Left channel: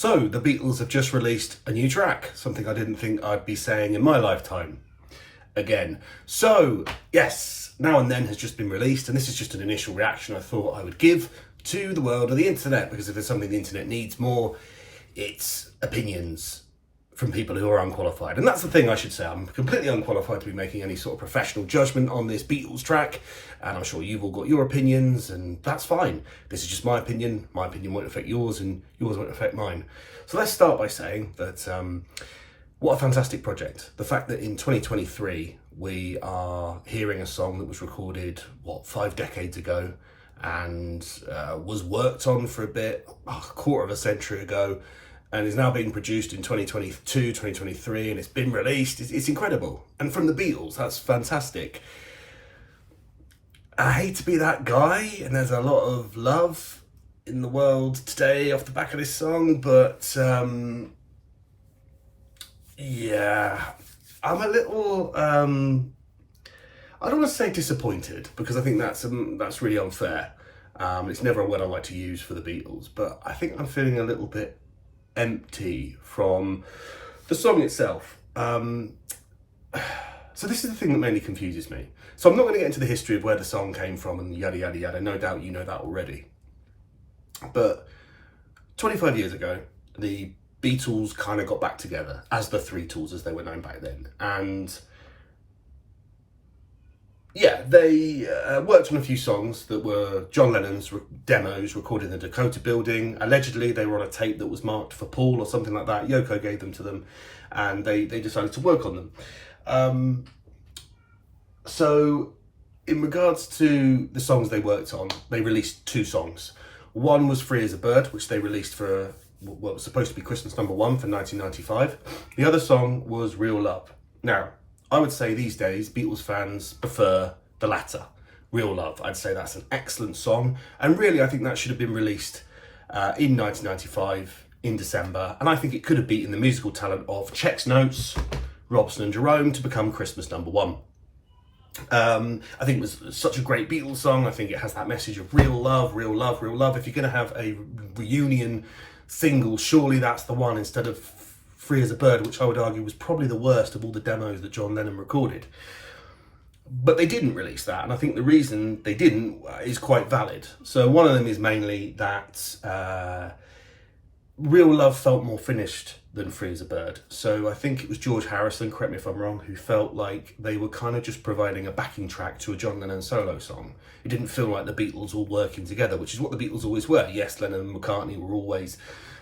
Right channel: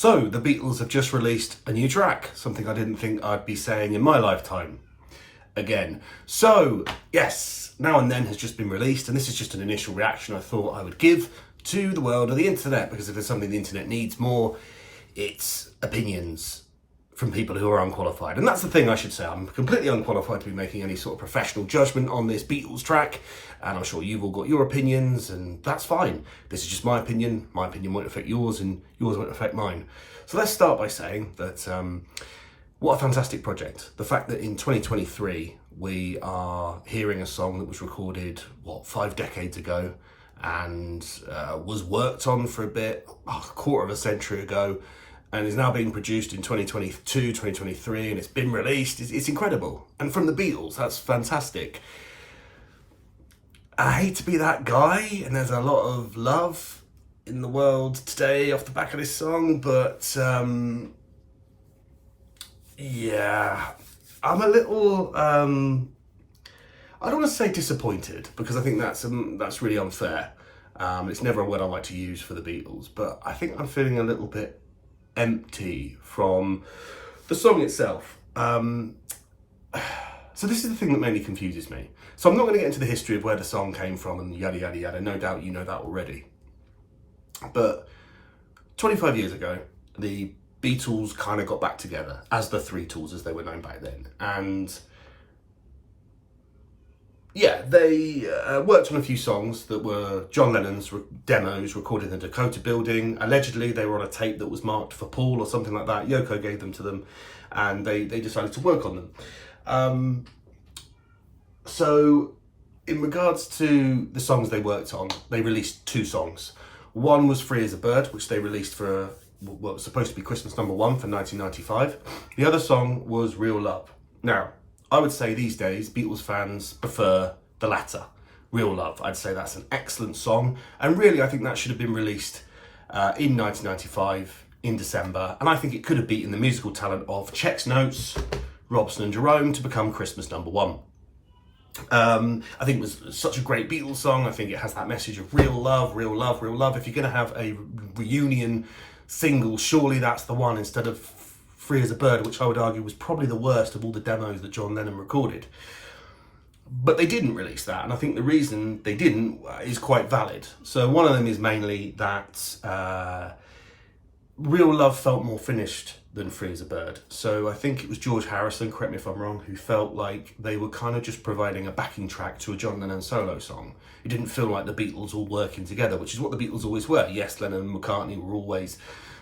So, the Beatles have just released a new track, something I didn't think I'd be saying in my lifetime again. So, yes, Now and Then has just been released, and this is just an initial reaction I thought I would give to the world of the internet, because if there's something the internet needs more, it's opinions from people who are unqualified. And that's the thing I should say. I'm completely unqualified to be making any sort of professional judgment on this Beatles track, and I'm sure you've all got your opinions, and that's fine. This is just my opinion. My opinion won't affect yours, and yours won't affect mine. So let's start by saying that what a fantastic project. The fact that in 2023 we are hearing a song that was recorded, 5 decades ago, and was worked on for a bit, a quarter of a century ago, and is now being produced in 2022, 2023, and it's been released. It's incredible. And from the Beatles, that's fantastic. I hate to be that guy, and there's a lot of love in the world today off the back of this song, but yeah, I'm a little, I don't want to say disappointed, because I think that's really unfair. It's never a word I like to use for the Beatles, but I think I'm feeling a little bit empty from the song itself. So this is the thing that mainly confuses me. So I'm not going to get into the history of where the song came from and yada yada yada. No doubt you know that already. But 25 years ago, the Beatles kind of got back together as the Three Tools, as they were known back then. And yeah, they worked on a few songs that were John Lennon's demos recorded in the Dakota building. Allegedly, they were on a tape that was marked for Paul or something like that. Yoko gave them to them, and they decided to work on them. So in regards to the songs they worked on, they released 2 songs. One was Free as a Bird, which they released for what was supposed to be Christmas #1 for 1995. The other song was Real Love. Now, I would say these days, Beatles fans prefer the latter, Real Love. I'd say that's an excellent song. And really, I think that should have been released in 1995, in December. And I think it could have beaten the musical talent of Check's Notes, Robson and Jerome to become Christmas #1. I think it was such a great Beatles song. I think it has that message of real love, real love, real love. If you're going to have a reunion single, surely that's the one instead of Free as a Bird, which I would argue was probably the worst of all the demos that John Lennon recorded. But they didn't release that, and I think the reason they didn't is quite valid. So one of them is mainly that Real Love felt more finished than Free as a Bird. So I think it was George Harrison, correct me if I'm wrong, who felt like they were kind of just providing a backing track to a John Lennon solo song. It didn't feel like the Beatles all working together, which is what the Beatles always were. Yes, Lennon and McCartney were always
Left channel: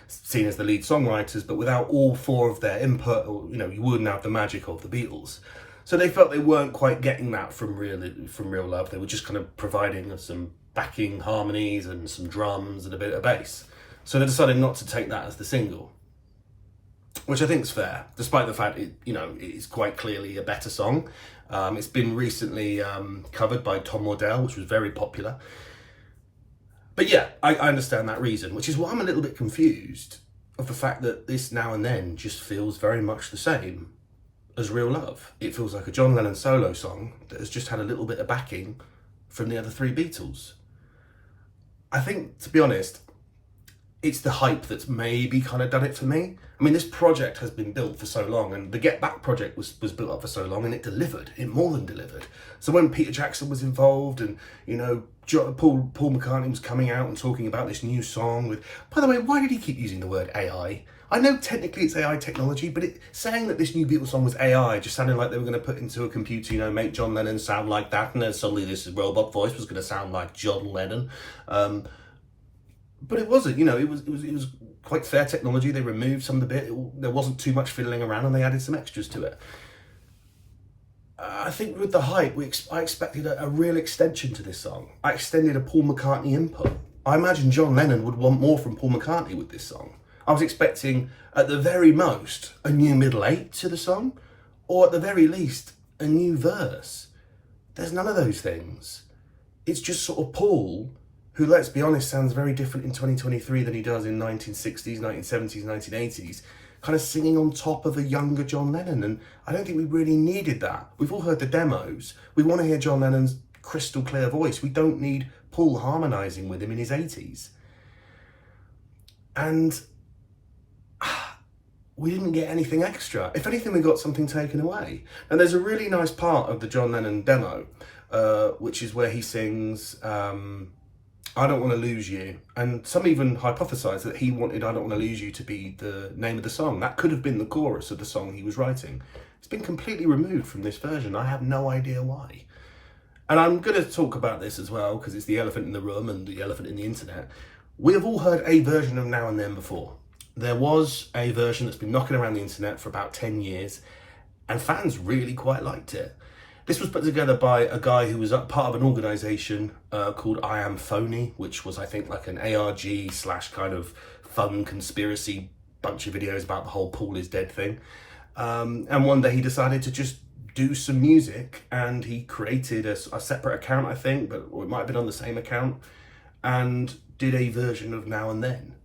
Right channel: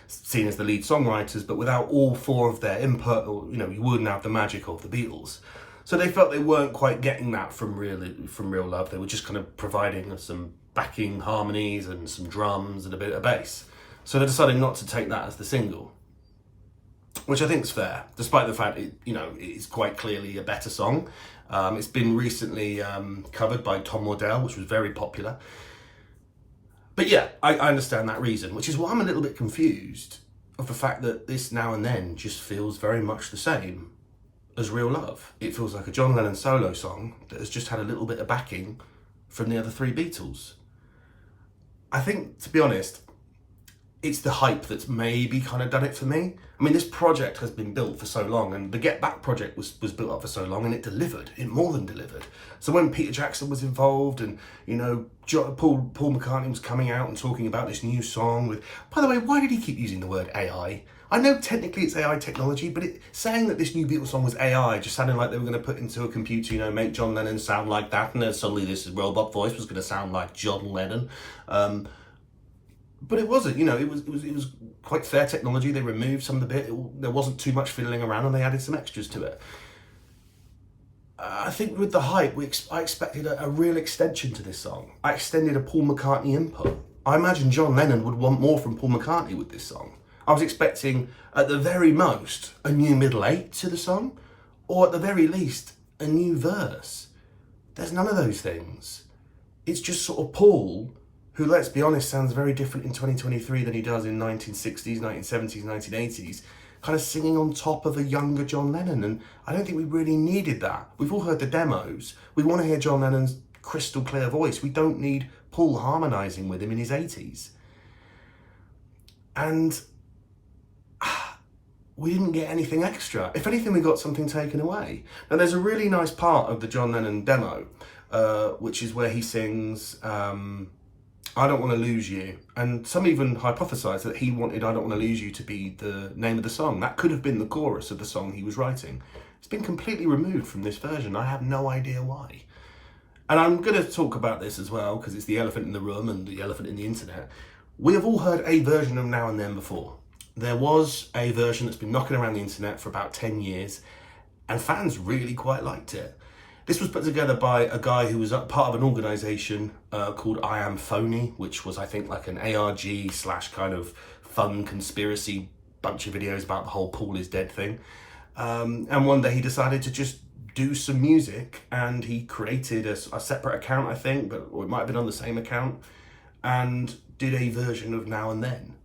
seen as the lead songwriters, but without all 4 of their input, you wouldn't have the magic of the Beatles. So they felt they weren't quite getting that from Real Love. They were just kind of providing some backing harmonies and some drums and a bit of bass. So they decided not to take that as the single, which I think is fair, despite the fact it is quite clearly a better song. It's been recently covered by Tom Waddell, which was very popular. But yeah, I understand that reason, which is why I'm a little bit confused of the fact that this Now and Then just feels very much the same as Real Love. It feels like a John Lennon solo song that has just had a little bit of backing from the other 3 Beatles. I think, to be honest, it's the hype that's maybe kind of done it for me. I mean, this project has been built for so long, and the Get Back project was built up for so long, and it delivered. It more than delivered. So when Peter Jackson was involved, and Paul McCartney was coming out and talking about this new song with, by the way, why did he keep using the word AI? I know technically it's AI technology, but saying that this new Beatles song was AI just sounded like they were going to put into a computer, make John Lennon sound like that, and then suddenly this robot voice was going to sound like John Lennon. But it wasn't, it was quite fair technology. They removed some of the bit. There wasn't too much fiddling around, and they added some extras to it. I think with the hype, I expected a real extension to this song. I extended a Paul McCartney input. I imagine John Lennon would want more from Paul McCartney with this song. I was expecting, at the very most, a new middle 8 to the song, or at the very least, a new verse. There's none of those things. It's just sort of Paul, who, let's be honest, sounds very different in 2023 than he does in 1960s, 1970s, 1980s, kind of singing on top of a younger John Lennon. And I don't think we really needed that. We've all heard the demos. We want to hear John Lennon's crystal clear voice. We don't need Paul harmonising with him in his 80s. And we didn't get anything extra. If anything, we got something taken away. And there's a really nice part of the John Lennon demo, which is where he sings, I Don't Want to Lose You. And some even hypothesise that he wanted I Don't Want to Lose You to be the name of the song. That could have been the chorus of the song he was writing. It's been completely removed from this version. I have no idea why. And I'm going to talk about this as well, because it's the elephant in the room and the elephant in the internet. We have all heard a version of Now and Then before. There was a version that's been knocking around the internet for about 10 years, and fans really quite liked it. This was put together by a guy who was part of an organisation called I Am Phony, which was, I think, like an ARG / kind of fun conspiracy bunch of videos about the whole Paul is dead thing. And one day he decided to just do some music, and he created a separate account, I think, or it might have been on the same account, and did a version of Now and Then.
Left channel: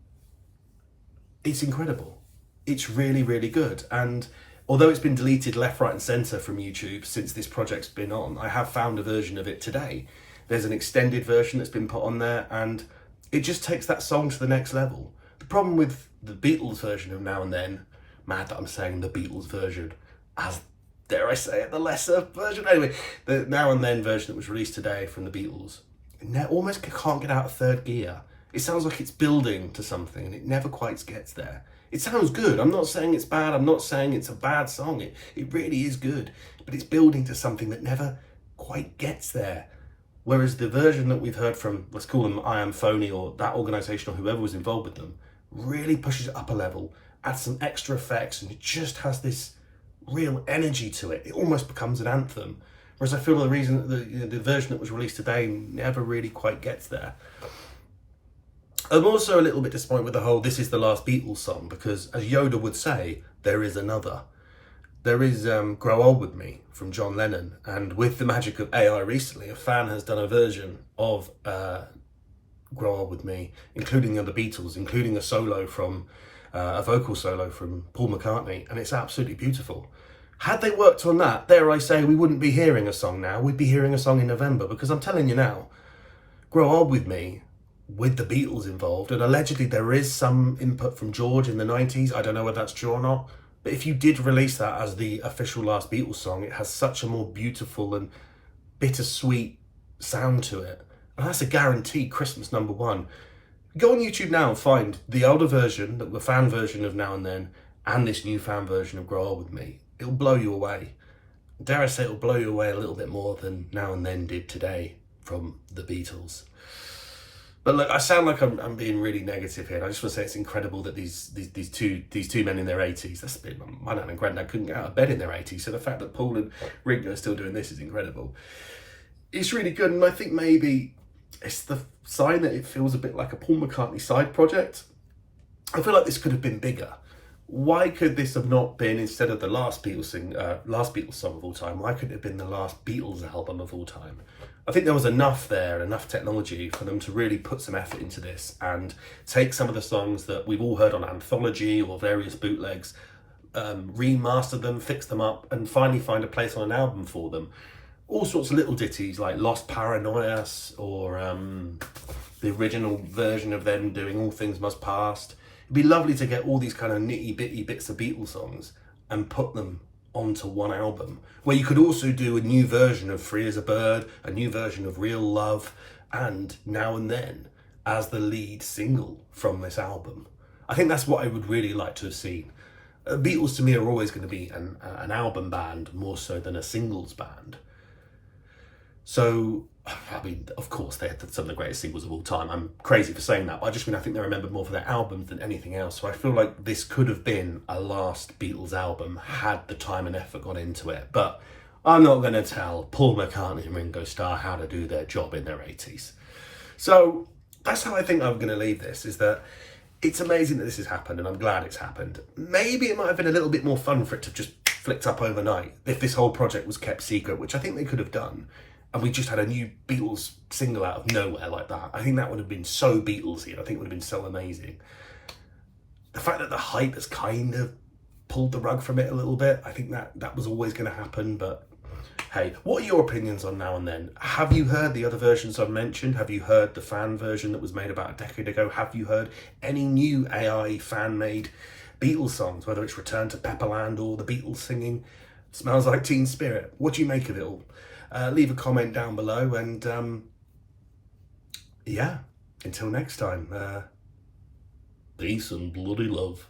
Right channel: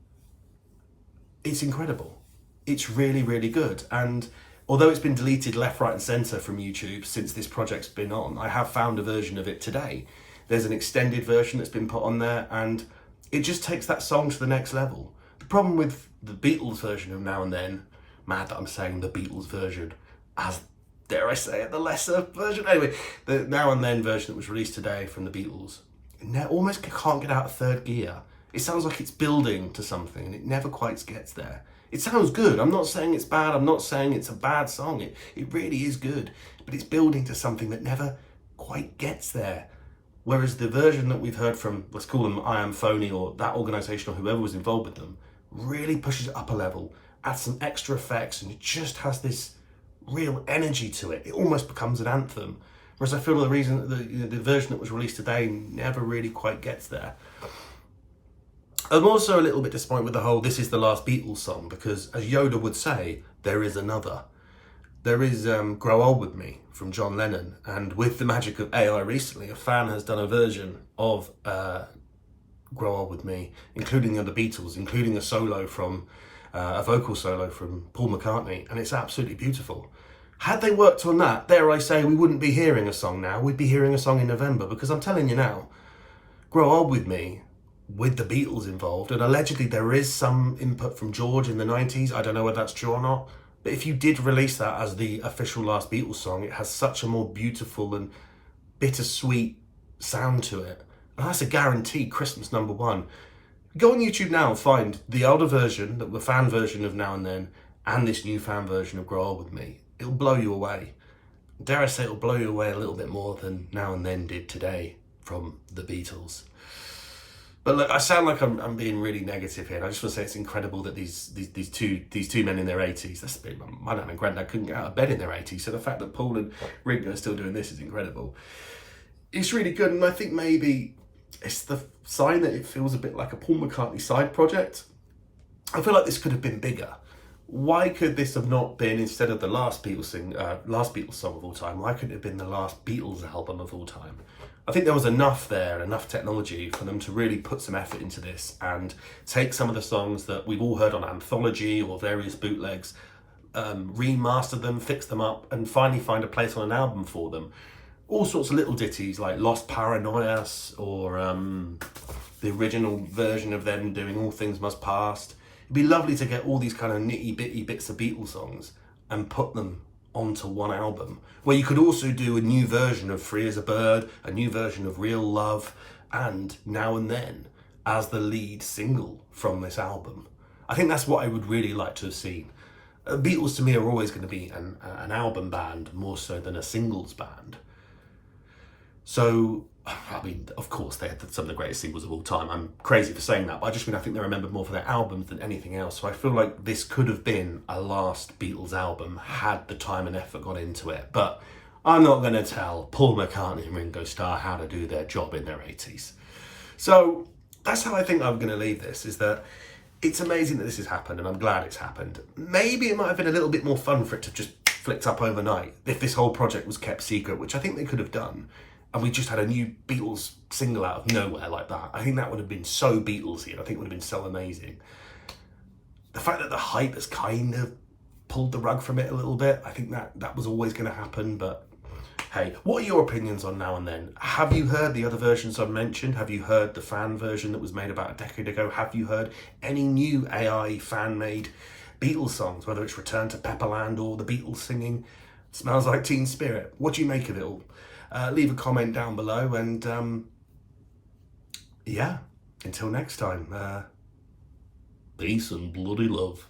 It's incredible. It's really, really good. And although it's been deleted left, right and centre from YouTube since this project's been on, I have found a version of it today. There's an extended version that's been put on there, and it just takes that song to the next level. The problem with the Beatles version of Now and Then, mad that I'm saying the Beatles version, as dare I say it, the lesser version. Anyway, the Now and Then version that was released today from the Beatles, it almost can't get out of third gear. It sounds like it's building to something and it never quite gets there. It sounds good. I'm not saying it's bad. I'm not saying it's a bad song. It really is good, but it's building to something that never quite gets there. Whereas the version that we've heard from, let's call them I Am Phony, or that organisation or whoever was involved with them, really pushes it up a level, adds some extra effects, and it just has this real energy to it. It almost becomes an anthem. Whereas I feel the reason that the version that was released today never really quite gets there. I'm also a little bit disappointed with the whole "This is the last Beatles" song, because as Yoda would say, there is another. There is Grow Old With Me from John Lennon, and with the magic of AI recently, a fan has done a version of Grow Old With Me, including the other Beatles, including a vocal solo from Paul McCartney, and it's absolutely beautiful. Had they worked on that, dare I say, we wouldn't be hearing a song now. We'd be hearing a song in November, because I'm telling you now, Grow Old With Me, with the Beatles involved, and allegedly there is some input from George in the 90s. I don't know whether that's true or not, but if you did release that as the official last Beatles song, it has such a more beautiful and bittersweet sound to it. And that's a guaranteed Christmas #1. Go on YouTube now and find the older version, the fan version of Now and Then, and this new fan version of Grow Old With Me. It'll blow you away. Dare I say, it'll blow you away a little bit more than Now and Then did today from the Beatles. But look, I sound like I'm being really negative here. And I just want to say it's incredible that these two men in their 80s, that's a bit, my dad and granddad couldn't get out of bed in their 80s. So the fact that Paul and Ringo are still doing this is incredible. It's really good, and I think maybe it's the sign that it feels a bit like a Paul McCartney side project. I feel like this could have been bigger. Why could this have not been, instead of the last Beatles song of all time, why couldn't it have been the last Beatles album of all time? I think there was enough there, enough technology for them to really put some effort into this and take some of the songs that we've all heard on Anthology or various bootlegs, remaster them, fix them up, and finally find a place on an album for them. All sorts of little ditties like Lost Paranoias, or the original version of them doing All Things Must Pass. It'd be lovely to get all these kind of nitty-bitty bits of Beatles songs and put them onto one album, where you could also do a new version of Free as a Bird, a new version of Real Love, and Now and Then as the lead single from this album. I think that's what I would really like to have seen. Beatles to me are always going to be an album band more so than a singles band. So, I mean, of course, they had some of the greatest singles of all time. I'm crazy for saying that, but I just mean I think they're remembered more for their albums than anything else. So I feel like this could have been a last Beatles album had the time and effort gone into it. But I'm not going to tell Paul McCartney and Ringo Starr how to do their job in their 80s. So that's how I think I'm going to leave this, is that it's amazing that this has happened, and I'm glad it's happened. Maybe it might have been a little bit more fun for it to have just flicked up overnight if this whole project was kept secret, which I think they could have done. And we just had a new Beatles single out of nowhere like that. I think that would have been so Beatlesy, and I think it would have been so amazing. The fact that the hype has kind of pulled the rug from it a little bit, I think that was always going to happen. But hey, what are your opinions on Now and Then? Have you heard the other versions I've mentioned? Have you heard the fan version that was made about a decade ago? Have you heard any new AI fan-made Beatles songs, whether it's Return to Pepperland or the Beatles singing Smells Like Teen Spirit. What do you make of it all? Leave a comment down below, and yeah, until next time, peace and bloody love.